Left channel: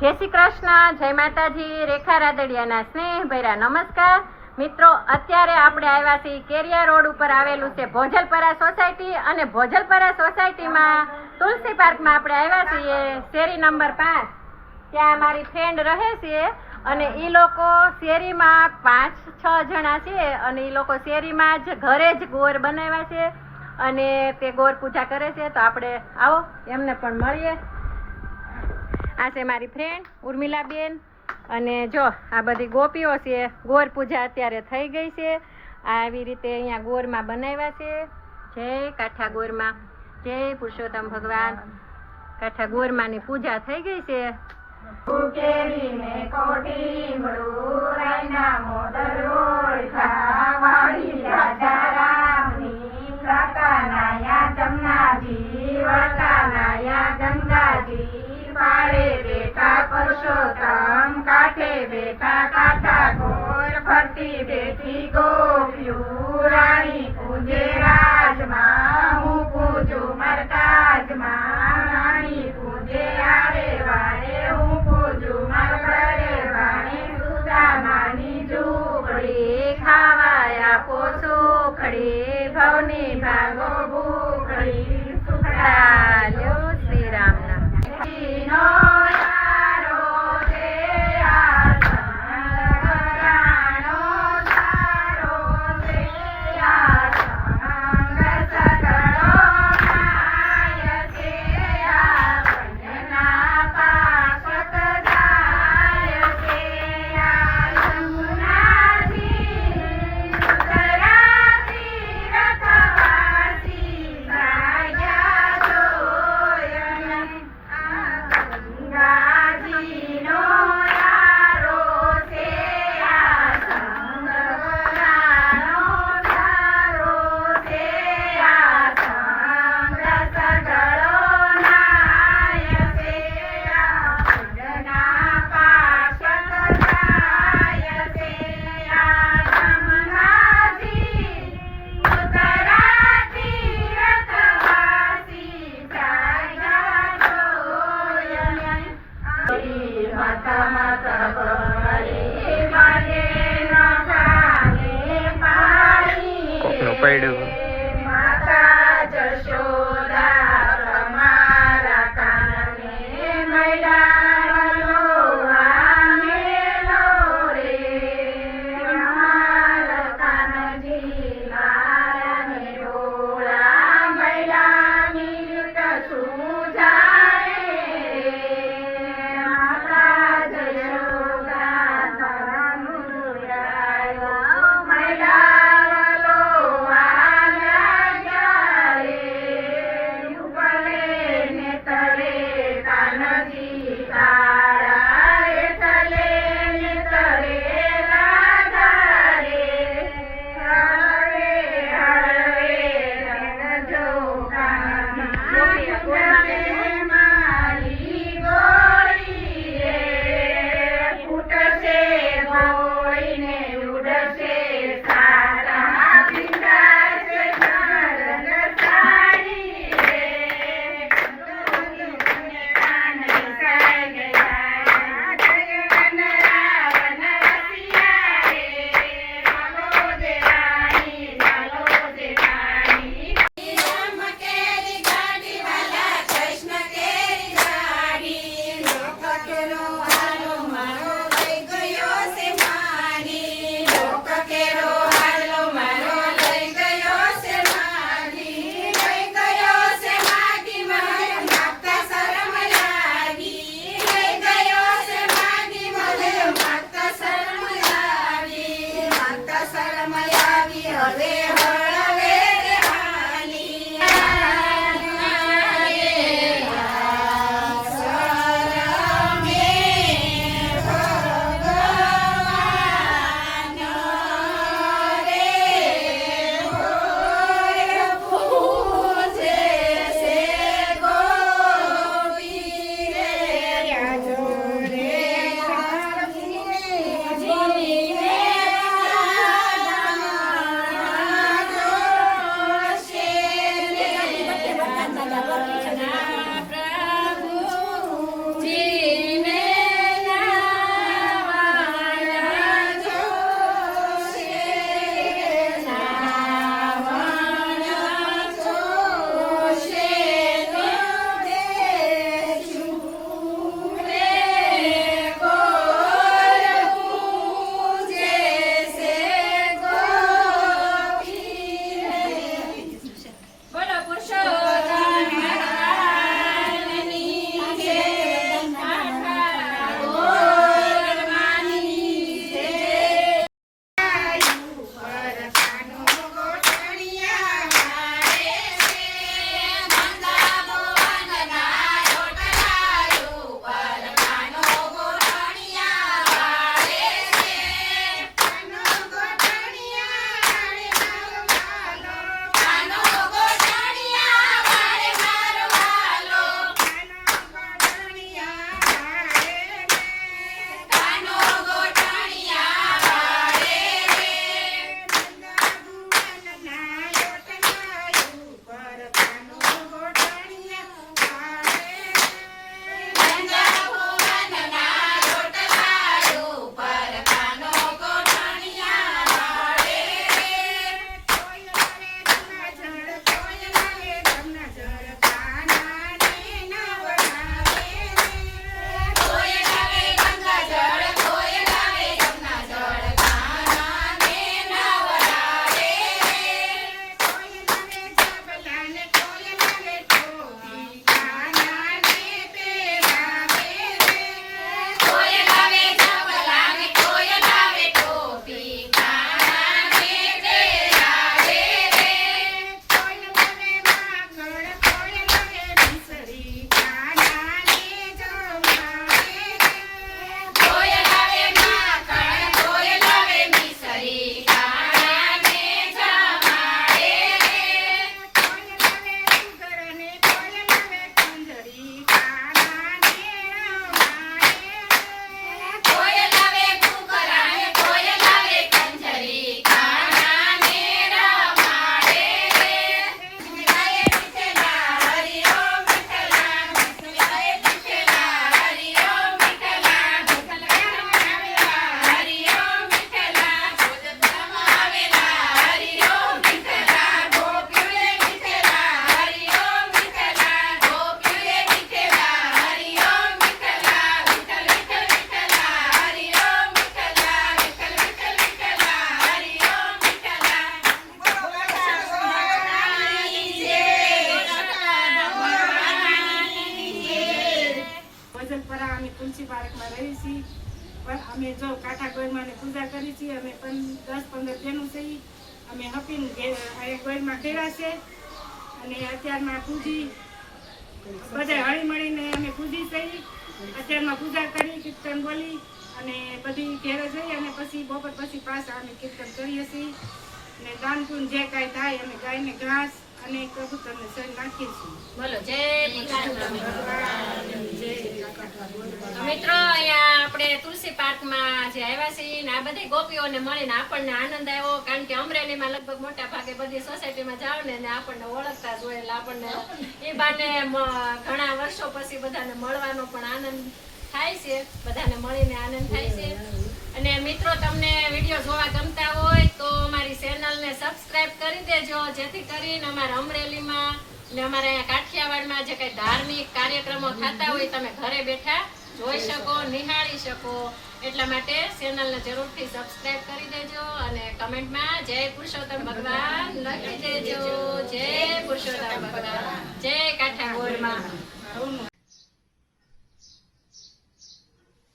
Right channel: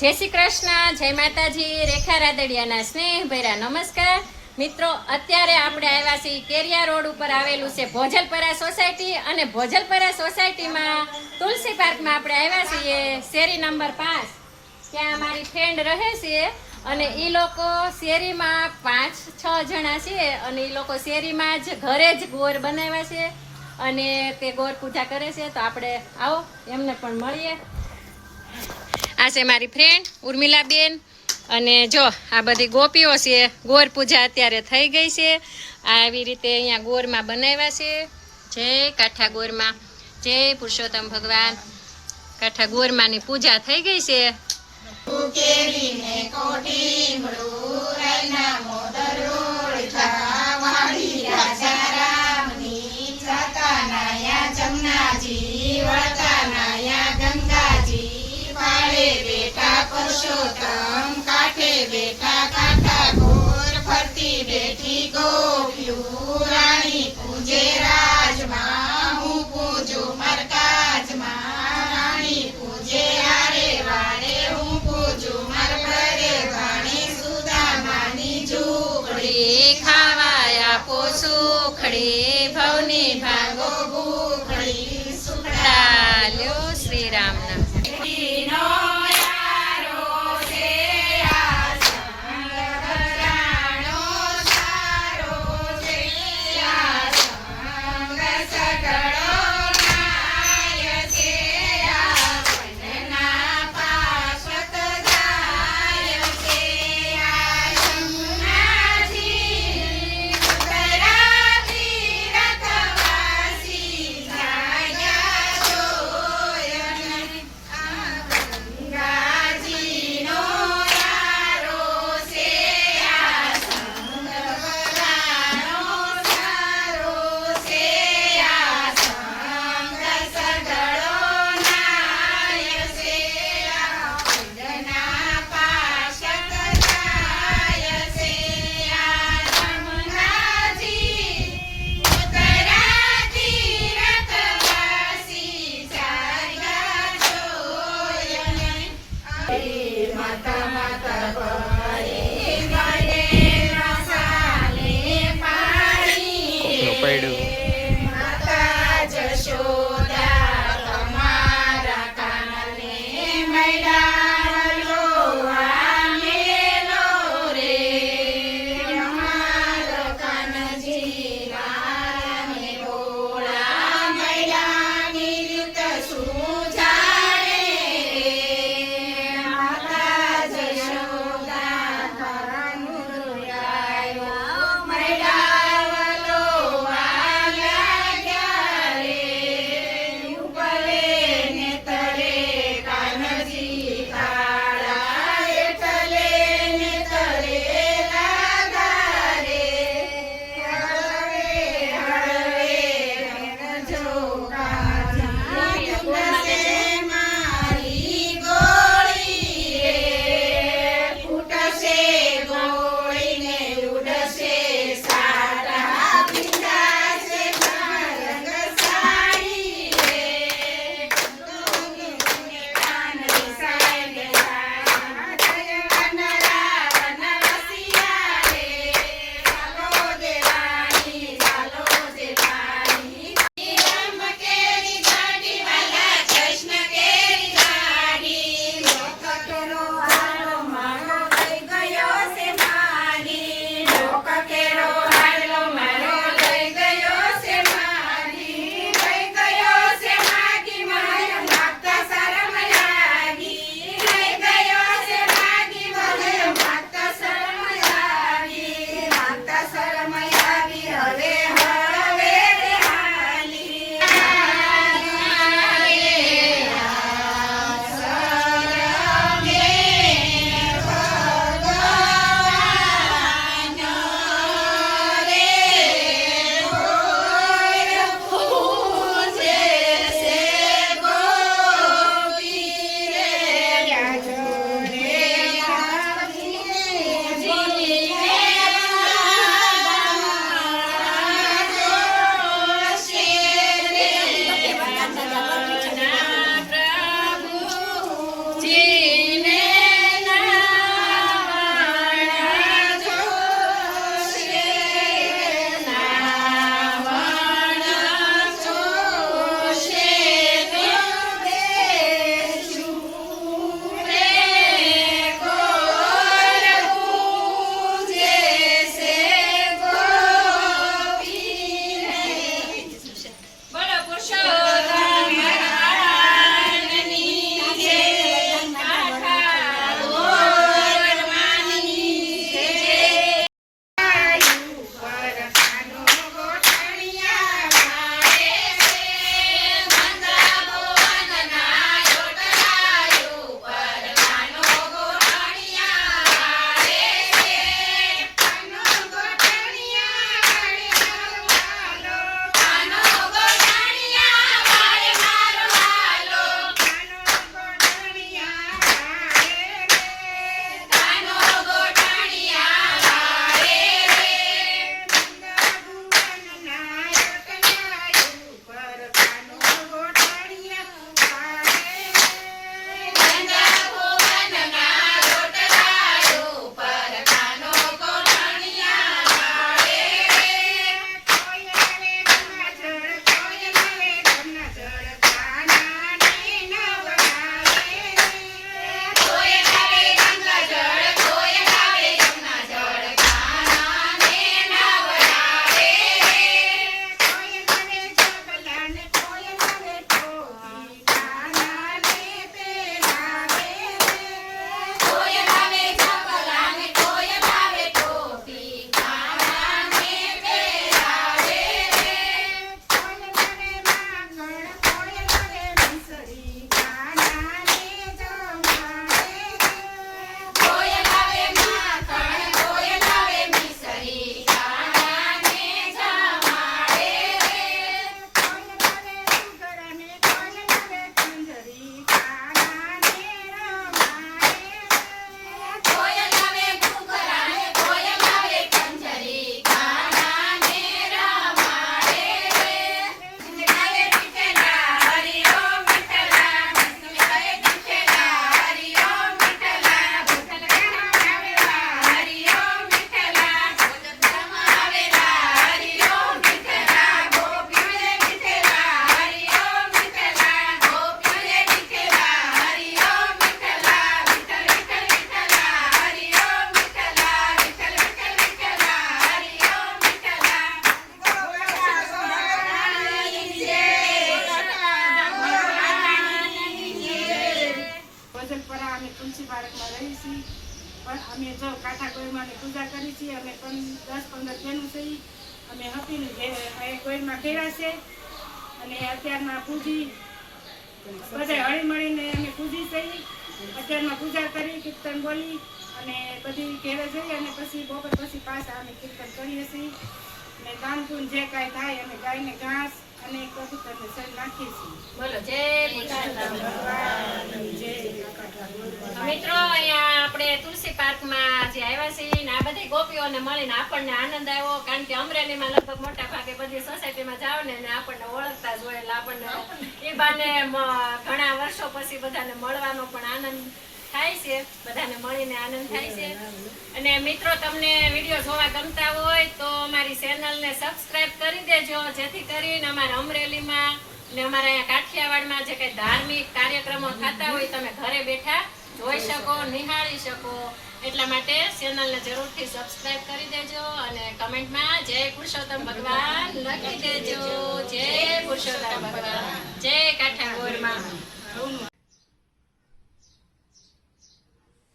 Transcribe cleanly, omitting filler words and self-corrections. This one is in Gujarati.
જય શ્રી કૃષ્ણ, જય માતાજી, રેખા રાદડિયાના સ્નેહભર્યા નમસ્કાર મિત્રો। અત્યારે આપણે આવ્યા છીએ કેરિયા રોડ ઉપર આવેલું છે ભોજલપરા સોસાયટી અને ભોજલપરા સોસાયટીમાં તુલસી પાર્કમાં આપણે આવ્યા છીએ શેરી નંબર 5। ત્યાં મારી ફ્રેન્ડ રહે છે અને એ લોકો શેરીમાં 5-6 જણા છે અને એ લોકો શેરીમાં જ ઘરે જ ગોર બનાવ્યા છે અને તે ગોર પૂજા કરે છે। તો આપણે આવો એમને પણ મળીએ। આ છે મારી ફ્રેન્ડ ઉર્મિલાબેન અને જો આ બધી ગોપીઓ છે। ગોર પૂજા અત્યારે થઈ ગઈ છે। આવી રીતે અહીંયા ગોરમાં બનાવ્યા છે। જય કાઠા ગોરમાં, જય પુરુષોત્તમ ભગવાન। કાઠા ગોરમાંની પૂજા થઈ ગઈ છે। કેરીને કોઠી મૃરાઈના મોદરોળ થાવાડી રાજા રામની જાતા નાયા જમનાજી વળતા નાયા ગંગાજી પાળે બેટા પુરુષોત્તમ કાઠે બેટા કાઠા ગોર ફરતી બેઠી ગોપિયું રાણી પૂજે રાજમાં હું પૂજું મરકાજમાં રાણી પૂજે આરે વારે હું પૂજું મરબરે વાણી સુદામાની ઝૂંપડી ખાવાયા પોસુખડી ભવની ભાગો ભૂખડી સુખડા લ્યો શ્રી રામના। માતા જશોદા તમારા કાનને મૈડાલો આમેલો રે અમારા કાનજી લાલને બોળા મૈડાની રીત સુજાણે માતા જશોદા કરનું આવ્યો મૈડા તુલસી પાર્કમાં રહી છીએ. પણ અમે જો કાંઠા ગોળમાની પૂજા કરી છીએ. અમે પણ 10-15 જણું છીએ. અમે હપીને ગોળમાં ગયા છે અને અત્યારના પૂજી બધા હળી મળીને અમે પૂજી થઈ. અત્યારમાં પૂજા કરી, કીર્તન બોલી અને બધી ઘેરે જઈ અને પછી બપોર પછી પાછા અમે કીર્તન કરીએ છીએ. અને દાન પુણ્ય જે કાંઈ થાય અમે ગાયને ઘાસ અને કબૂતરને સર નાખીએ છીએ. બોલો જય પુરુષોત્તમ ભગવાન. તો મિત્રો અહીંયા આપણે તુલસી પાર્કમાં જે આવ્યા છીએ ને આ બધી ગોપીઓને મળીને આપણને આનંદ આવ્યો. કારણ કે અમરેલીમાં લગભગ મોટા ભાગે બધી સોસાયટીમાં જાવ ને આપણને ઓળખતા જ હોય એટલે આપણને એ બાને ઘણા વર્ષો પછી બધાને મળવાનો પણ આનંદ થાય છે. બધાને મળીને આનંદ થાય છે. અને મિત્રો તમને વિડીયો જોવા ગમતા હોય તો અમારી ચેનલને સબસ્ક્રાઇબ કરી દેજો, જેથી કરીને અમારા અમરેલીમાં અને અમારા અહીંયા કાઠિયાવાડમાં જે કંઈ ધાર્મિક કાર્યક્રમો થતા હોય તમે ઘરે બેઠા જોઈ શકો, નિહાળી શકો. એટલા માટે ચેનલને જરૂરથી સબસ્ક્રાઇબ કરી દેજો અને કમેન્ટમાં જય પુરુષોત્તમ ભગવાન લખી દેજો. જય પુરુષોત્તમ ભગવાન, જય કાઠિયાવાડમાં.